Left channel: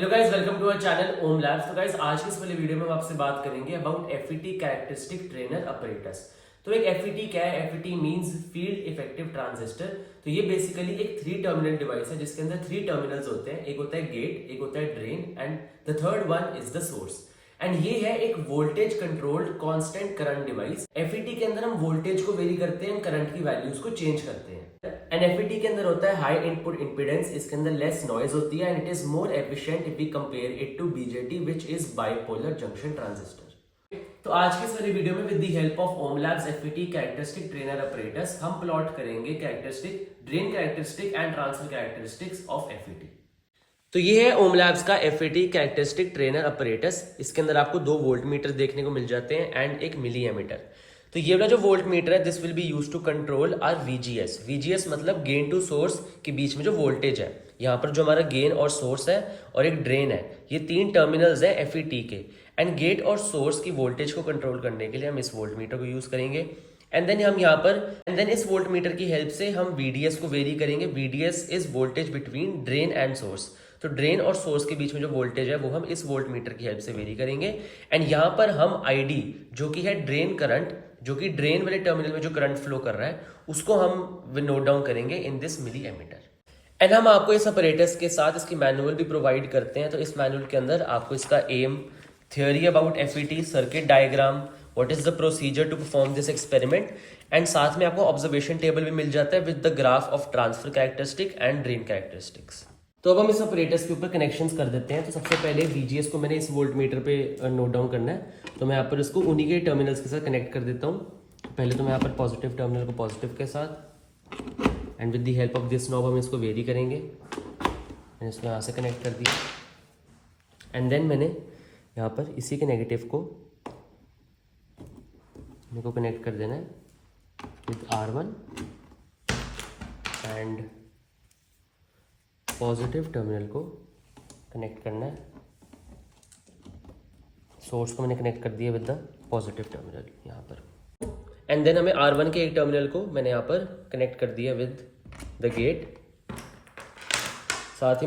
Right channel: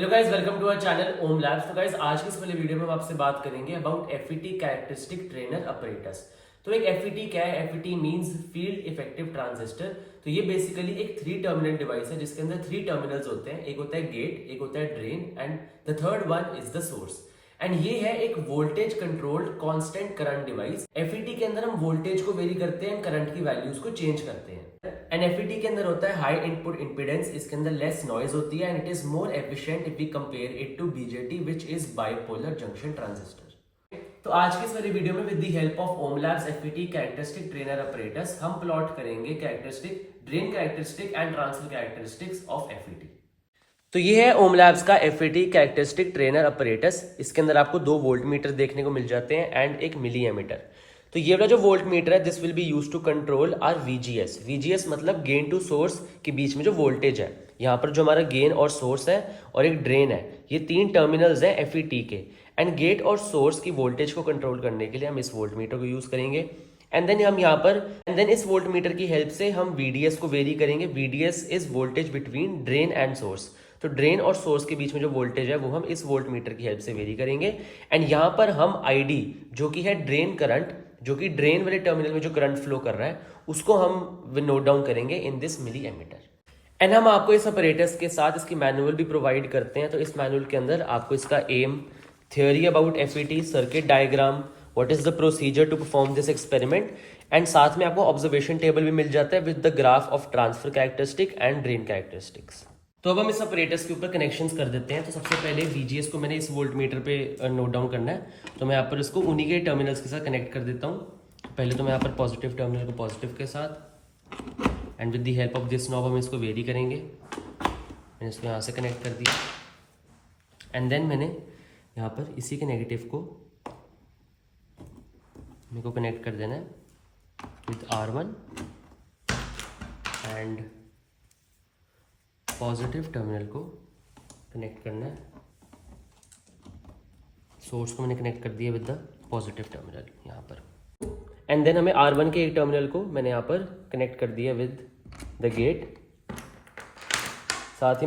Hello guys, welcome to our channel Ohm Labs. तो guys, आज की इस वाले वीडियो में हम आपसे बात करेंगे about FET characteristic trainer apparatus. तो एक एफईटी क्या है? FET means field effective transistor. तो ये बेसिकली एक 3 टर्मिनल डिवाइस है जिसके अंदर 3 टर्मिनल्स होते हैं। एक होता है गेट, एक होता है drain and the third one is the source. And ये है एक voltage controlled constant current device. FET के अंदर हम वोल्टेज को वेरी करते हैं, करंट की वैल्यूज को चेंज करते हैं। एंड एफईटी के अंदर होता है हाई इनपुट इंपीडेंस, इसके अंदर लेस नॉइज होती है and it is more efficient if we compare it to BJT which is bipolar junction transistor. तो आज के इस वाली वीडियो में with the help of Ohm Labs FET characteristic trainer apparatus हम प्लॉट करेंगे characteristic, drain characteristic and transfer characteristics of FET. तो ये है ओम लैब्स का एफईटी कैरेक्टरिस्टिक ट्रेनर अपरेटस। इसके अंदर आपको 2 वोल्ट मीटर देखने को मिल जाते हैं एंड एक मिली एमीटर। तो ये वाला जो वोल्ट मीटर है this will be use to control our VGS. VGS मतलब गेन टू सोर्स के बीच में जो वोल्टेज है। यहाँ पर जो हमारा गेन और सोर्स है और एक ड्रेन है, ये 3 टर्मिनल्स है एफईटी के। एंड गेट और सोर्स की वोल्टेज को कंट्रोल करने के लिए हम इस वोल्ट मीटर को यूज करेंगे। एंड देन हम यहाँ पर इस वोल्ट मीटर की हेल्प से हम वीडीएस को वेरी करेंगे। VDS is voltage between drain and source. तो ड्रेन और सोर्स के बीच में जो वोल्टेज है वो हम इस वोल्ट मीटर की हेल्प से वेरी करेंगे। एंड यहाँ पर हम आईडी जो कि है ड्रेन करंट, जो कि ड्रेन वाले टर्मिनल में जो करंट फ्लो कर रहा है उसको हम नोट डाउन करेंगे in this milli ammeter. And हम आपको इस अपरेटस के साथ इसकी मैनुअल भी प्रोवाइड करते हैं। तो इस मैनुअल के अंदर आपको इसका aim, theory about FET, circuit diagram, what is the procedure to perform this experiment and साथ में आपको ऑब्जर्वेशन टेबल भी मिल जाता है with the graph of transfer characteristic and drain characteristics. तो अब हम इस अपरेटस के ऊपर कनेक्शंस कर देते हैं। तो सबसे पहले वीजीएस को मैंने इस वोल्ट मीटर पे नोट डाउन करना है। तो मैं यहाँ पर इसको उन्हीं के टर्मिनल्स के साथ कनेक्ट कर देता हूँ। पहले तो मैं यहाँ पर पॉजिटिव टर्मिनल को पॉजिटिव के साथ and with the help of this knob हम इसको वेरी करेंगे। मैंने इसको यहाँ से कनेक्ट कर दिया एंड देन मैंने यहाँ पर इसी के नेगेटिव को मेरे को कनेक्ट कर देना है with R1 and positive terminal को कनेक्ट करना है। सोर्स को मैंने कनेक्ट कर दिया विद द पॉजिटिव टर्मिनल यहाँ पर। एंड देन हमें R1 के एक टर्मिनल को मैंने यहाँ पर कनेक्ट कर दिया विद द गेट। साथ ही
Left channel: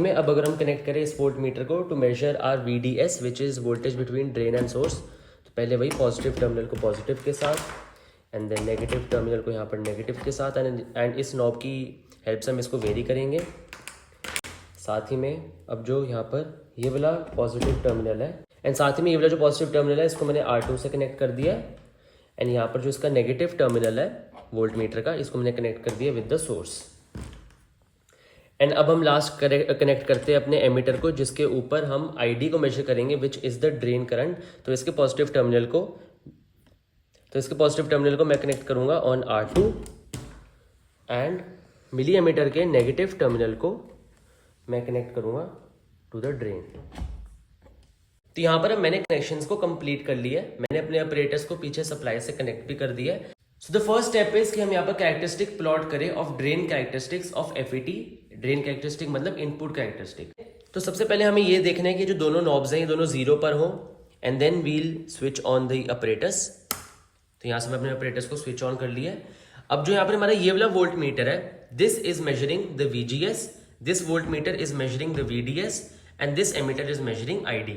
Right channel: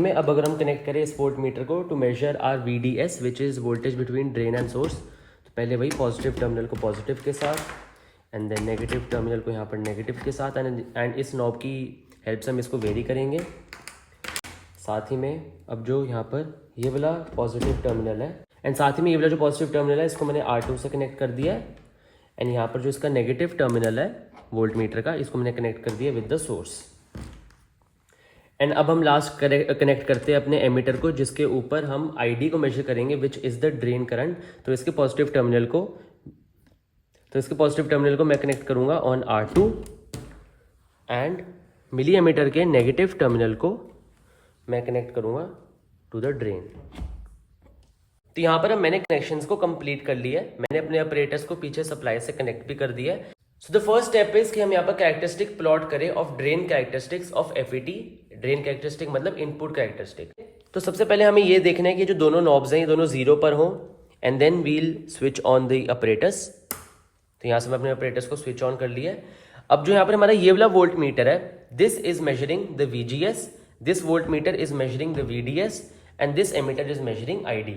में अब अगर हम कनेक्ट करें इस वोल्ट मीटर को to measure our VDS which is voltage between drain and source. तो पहले वही पॉजिटिव टर्मिनल को पॉजिटिव के साथ एंड देन नेगेटिव टर्मिनल को यहाँ पर नेगेटिव के साथ एंड इस नॉब की हेल्प से हम इसको वेरी करेंगे। साथ ही में अब जो यहाँ पर ये वाला पॉजिटिव टर्मिनल है एंड साथ ही में ये वाला जो पॉजिटिव टर्मिनल है इसको मैंने R2 से कनेक्ट कर दिया है। एंड यहाँ पर जो इसका नेगेटिव टर्मिनल है वोल्ट मीटर का, इसको मैंने कनेक्ट कर दिया विद द सोर्स। एंड अब हम लास्ट कनेक्ट करते हैं अपने एमीटर को जिसके ऊपर हम आईडी को मेजर करेंगे which is the drain current. तो इसके पॉजिटिव टर्मिनल को मैं कनेक्ट करूंगा on R2 and milli ammeter के नेगेटिव टर्मिनल को मैं कनेक्ट करूंगा टू द ड्रेन। तो यहाँ पर अब मैंने कनेक्शंस को कंप्लीट कर लिया है। मैंने अपने अपरेटस को पीछे सप्लाई से कनेक्ट भी कर दिया है। So the first step is कि हम यहाँ पर कैरेक्टरिस्टिक प्लॉट करें of drain characteristics of FET. Drain characteristic मतलब इनपुट कैरेक्टरिस्टिक। तो सबसे पहले हमें ये देखना है कि जो दोनों नॉब्स हैं ये दोनों 0 पर हों and then we'll switch on the apparatus. तो यहाँ से मैं अपने अपरेटस को स्विच ऑन कर लिया है। अब जो यहाँ पर हमारा ये वाला वोल्ट मीटर है this is measuring the VGS, this voltmeter is measuring the VDS and this ammeter is measuring ID।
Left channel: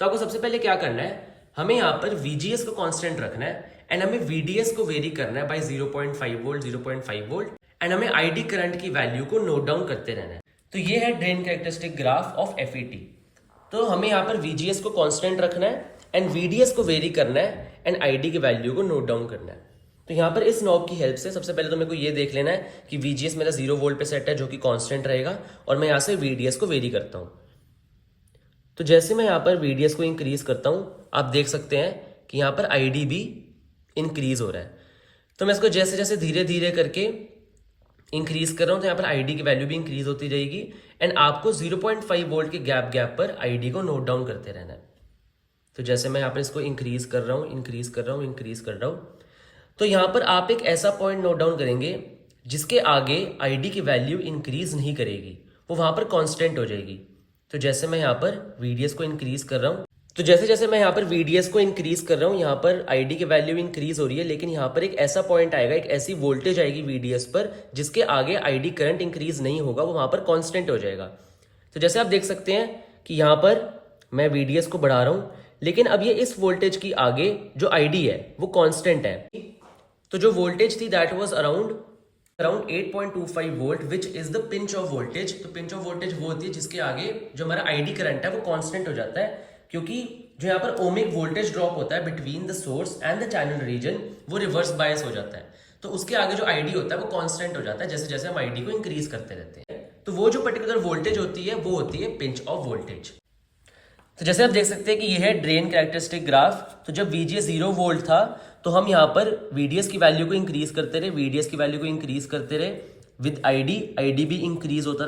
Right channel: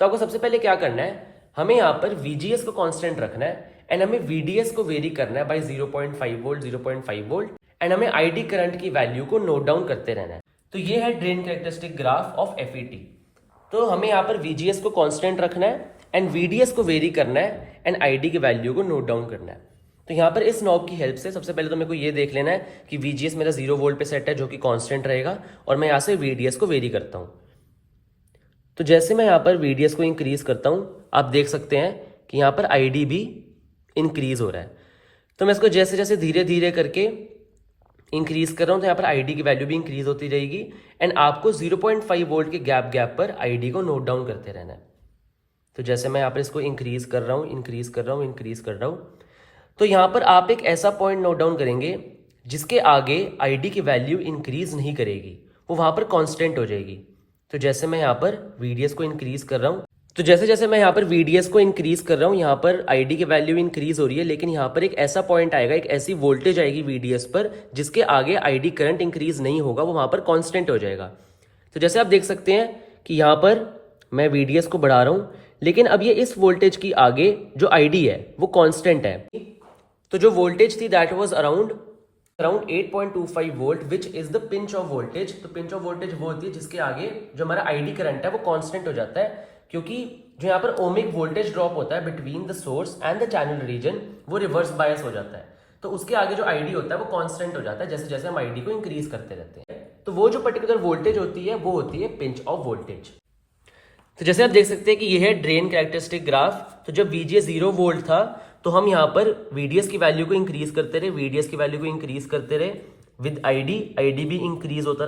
तो आपको सबसे पहले क्या करना है, हमें यहाँ पर VGS को कांस्टेंट रखना है एंड हमें VDS को वेरी करना है बाय 0.5 वोल्ट 0.5 वोल्ट एंड हमें ID करंट की वैल्यू को नोट डाउन करते रहना है। तो ये है drain characteristic graph of FET. तो हमें यहाँ पर VGS को कांस्टेंट रखना है एंड VDS को वेरी करना है एंड ID की वैल्यू को नोट डाउन करना है। तो यहाँ पर इस नॉब की हेल्प से सबसे पहले तो मेरे को ये देख लेना है कि VGS मेरा 0 वोल्ट पे सेट है जो कि कांस्टेंट रहेगा और मैं यहाँ से VDS को वेरी करता हूँ। तो जैसे मैं यहाँ पर VDS को इंक्रीज करता हूँ आप देख सकते हैं कि यहाँ पर ID भी इंक्रीज हो रहा है। तो मैं इसको जैसे जैसे धीरे धीरे करके इंक्रीज कर रहा हूँ तो यहाँ पर ID की वैल्यू भी इंक्रीज होती रहेगी एंड आपको 0.5 वोल्ट के गैप पर ID को नोट डाउन करते रहना है। तो जैसे मैं यहाँ पर इसको इंक्रीज कर रहा हूँ तो यहाँ पर आप एक ऐसा पॉइंट नोट डाउन करेंगे जिसके आगे ID की वैल्यू इंक्रीज नहीं करेगी, वो वहां पर कांस्टेंट हो जाएगी। तो जैसे मैं यहाँ पर VDS को इंक्रीज कर रहा हूँ यहाँ पर ID की वैल्यू इंक्रीज हो रही है, लेकिन यहाँ पर एक ऐसा पॉइंट आएगा, एक ऐसी वोल्टेज आएगी VDS पर जिसके आगे ID करंट इंक्रीज नहीं होगा, वो वहां पर कांस्टेंट हो जाएगा। तो जैसे आप देख सकते हैं कि यहाँ पर मैं VDS को बढ़ा रहा हूं, लेकिन अब ये इस वोल्टेज की आगे जो ID है वो कांस्टेंट है। तो जो वोल्टेज थी that was around 8.25 volt which is the pinch of voltage. तो पिंच ऑफ वोल्टेज वो होती है जिसके आगे जो हमारा ID करंट है वो कांस्टेंट हो जाता है, क्योंकि जो यहाँ पर ओमिक वोल्टेज ड्रॉप होता है between the source and the channel region वो रिवर्स बायस हो जाता है। तो उसके आगे जो ID होता है वो कांस्टेंट हो जाता है जैसे जैसे हम ID को इंक्रीज करते रहते हैं। तो वो जो पर्टिकुलर वोल्टेज होती है वो होती है पिंच ऑफ वोल्टेज। तो जैसे आप देख सकते हैं कि यह है ड्रेन कैरेक्टरिस्टिक ग्राफ। तो जब VGS 0 वोल्ट था तो हम यहाँ पर VDS की वैल्यू को इंक्रीज करते रहे, VDS की वैल्यू को इंक्रीज करते रहे विद ID भी इंक्रीज होता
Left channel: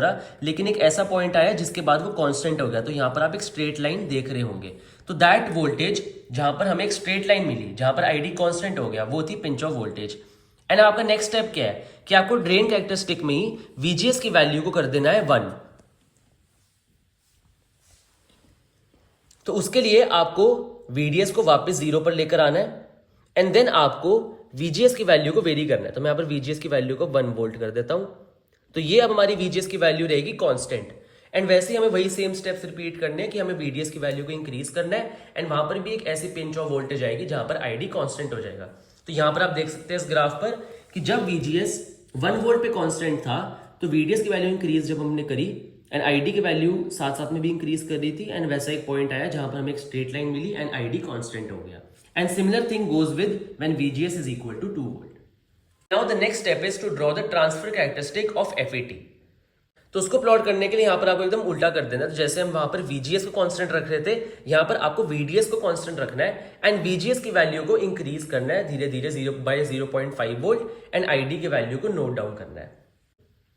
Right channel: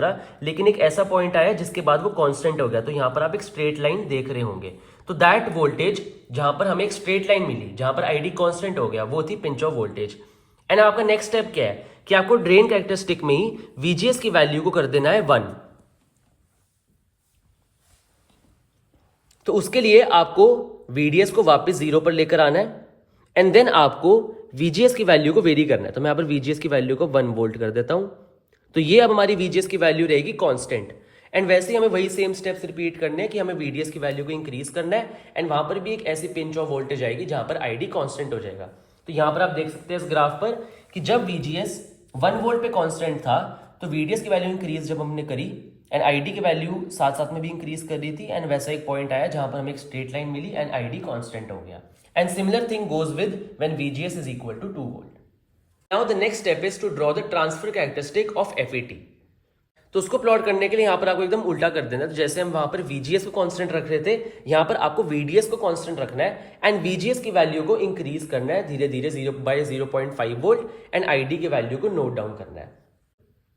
रहा, लेकिन एक ऐसा पॉइंट आया जिसके बाद वो कांस्टेंट हो गया। तो यहाँ पर आप एक स्ट्रेट लाइन देख रहे होंगे। तो दैट वोल्टेज जहां पर हमें एक स्ट्रेट लाइन मिली, जहां पर ID कांस्टेंट हो गया, वो थी पिंच ऑफ वोल्टेज। एंड आपका नेक्स्ट स्टेप क्या है कि आपको ड्रेन कैरेक्टरिस्टिक में ही VGS की वैल्यू को कर देना है 1। तो उसके लिए आपको VDS को वापस 0 पर लेकर आना है एंड देन आपको VGS की वैल्यू को वेरी करना है। तो मैं यहाँ पर VGS की वैल्यू को 1 वोल्ट कर देता हूं। तो ये अब हमारी VGS की वैल्यू रहेगी कांस्टेंट। एंड वैसे ही हमें वही सेम स्टेप्स रिपीट करने हैं कि हमें VDS की वैल्यू को इंक्रीज करना है एंड वहां पर भी एक ऐसी पिंच ऑफ वोल्टेज आएगी जहां पर ID कांस्टेंट हो जाएगा। तो यहां पर आप देख सकते हैं इस ग्राफ पर कि जब VGS 1 वोल्ट पे कांस्टेंट था तो VDS की वैल्यू इंक्रीज जब हमने करी एंड ID की वैल्यू साथ साथ में भी इंक्रीज कर दी थी एंड वैसा एक पॉइंट आया जहां पर हमें एक स्ट्रेट लाइन मिली एंड ID कांस्टेंट हो गया। And similar thing goes with when VGS is equal to 2 volt. Now the next step is to draw the transfer characteristic of FET. तो उसको प्लॉट करने के लिए यहाँ पर आपको एकदम उल्टा कर देना। तो जैसे हम वहां पर VGS को कांस्टेंट रख रहे थे, यहाँ पर आपको VDS को कांस्टेंट रखना है एंड VGS की वैल्यू को इंक्रीज करना है धीरे धीरे 0.5 वोल्ट एंड ID की वैल्यू को नोट डाउन करना है।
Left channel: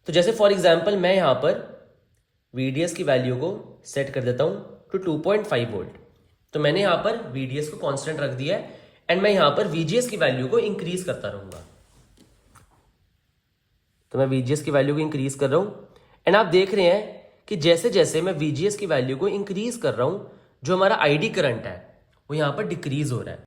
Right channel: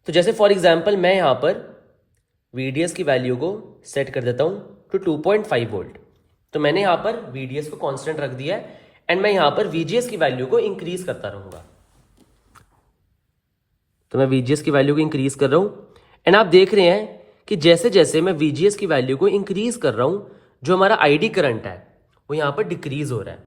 तो जैसे फॉर एग्जाम्पल मैं यहाँ पर VDS की वैल्यू को सेट कर देता हूँ टू 2.5 वोल्ट। तो मैंने यहाँ पर VDS को कांस्टेंट रख दिया है एंड मैं यहाँ पर VGS की वैल्यू को इंक्रीज करता रहूंगा। तो मैं VGS की वैल्यू को इंक्रीज कर रहा हूं एंड आप देख रहे हैं कि जैसे जैसे मैं VGS की वैल्यू को इंक्रीज कर रहा हूं जो हमारा ID करंट है वो यहाँ पर डिक्रीज हो रहा है।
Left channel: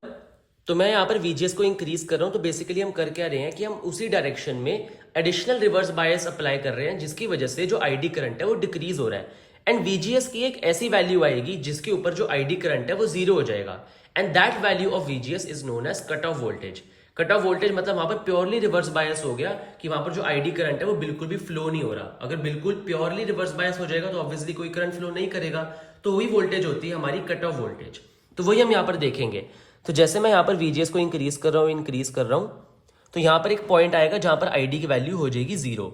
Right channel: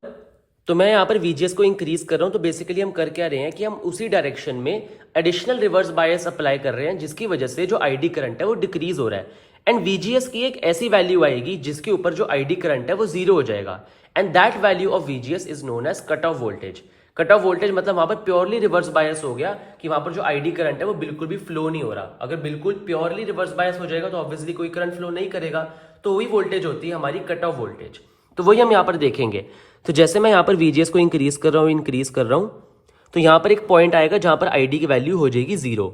तो मैं यहाँ पर VGS को इंक्रीज कर रहा हूं। तो बेसिकली हम कर क्या रहे हैं कि हम उसी डायरेक्शन में एडिशनल रिवर्स बायस अप्लाई कर रहे हैं जिसकी वजह से जो ID करंट है वो डिक्रीज हो रहा है एंड VGS की एक ऐसी वैल्यू आएगी जिसके ऊपर जो ID करंट है वो 0 हो जाएगा and that value of VGS is known as cut off voltage. Cut off voltage मतलब वहां पर प्योरली रिवर्स बायस हो गया कि वहां पर जो ID करंट है वो बिल्कुल भी फ्लो नहीं हो रहा। अगर बिल्कुल प्योरली रिवर्स बायस हो जाएगा तो ऑब्वियसली कोई करंट फ्लो नहीं करेगा। तो वही वोल्टेज होती है हमारी कट ऑफ वोल्टेज। तो वही हम यहाँ पर देखेंगे। तो जैसे मैं यहाँ पर VGS को इंक्रीज कर रहा हूं तो यहाँ पर एक पॉइंट आएगा जहां पर ID की वैल्यू हो जाएगी 0।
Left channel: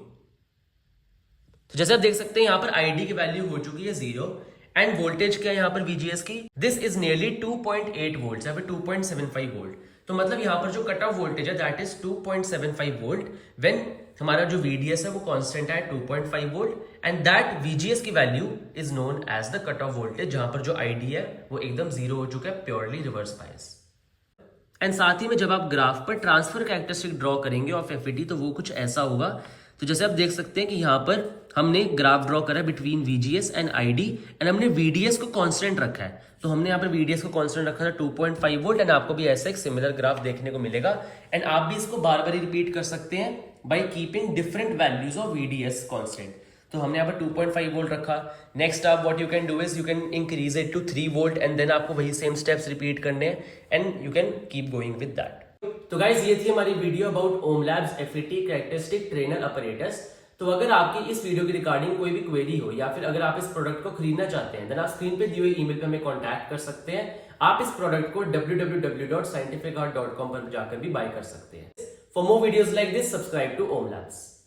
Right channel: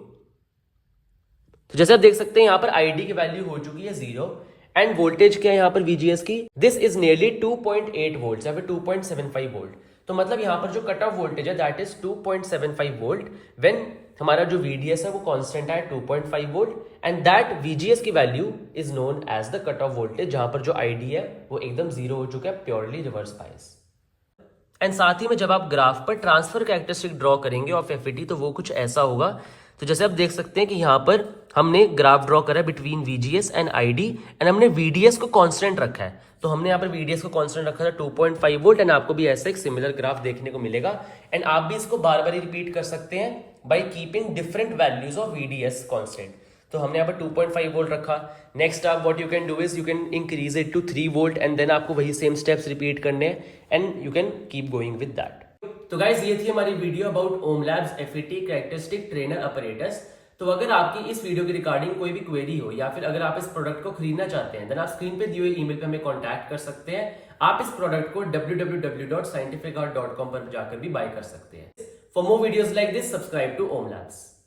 तो जैसे आप देख सकते हैं यहाँ पर ID की वैल्यू हो चुकी है 0 एंड वोल्टेज क्या है यहाँ पर VGS की, दिस इज नियरली 2.8 वोल्ट या फिर 2.75 वोल्ट। तो मतलब यहाँ पर जो कट ऑफ वोल्टेज है दैट इज 2.75 वोल्ट व्हेन हमारा जो VDS है वो कांस्टेंट है 2.5 वोल्ट एंड दैट VGS की value is known as the cut off voltage जहां पर जो ID है वो एकदम 0 हो चुका है, प्योरली रिवर्स बायस। एंड साथ ही में जब आप ग्राफ पर ट्रांसफर कैरेक्टरिस्टिक ड्रॉ करेंगे ऑफ FET तो वो कुछ ऐसा होगा। तो जैसे आप देख सकते हैं कि यहाँ पर हमने ग्राफ ड्रॉ करा between VGS and ID and हमने VDS को कांस्टेंट रखा है। तो हमने यहाँ पर VDS को कांस्टेंट रखा था 2.5 वोल्ट एंड आपको भी ऐसे एक सिमिलर ग्राफ देखने को मिलेगा एंड आप भी इसको बार बार रिपीट कर सकते हैं by keeping different values of VDS constant. तो हमने यहाँ पर 2.5 वोल्ट रखा। नेक्स्ट आप what you can do is you can increase it to 3 volt and then आपको वही सेम स्टेप्स रिपीट करने हैं and you can keep going with that. तो गाइज ये थी हमारी video about Ohm Labs FET characteristic trainer apparatus. तो अगर आपकी इस वीडियो की रिगार्डिंग कोई भी क्वेरी हो या फिर अगर आप इस प्रोडक्ट को खरीदना चाहते हैं देन आप स्क्रीन पे दिए हुए ईमेल पे हमें कांटेक्ट कर सकते हैं। आप इस प्रोडक्ट को www.scientificart.com पर जाकर भी बाय कर सकते हैं। For more videos like this subscribe to Ohm labs.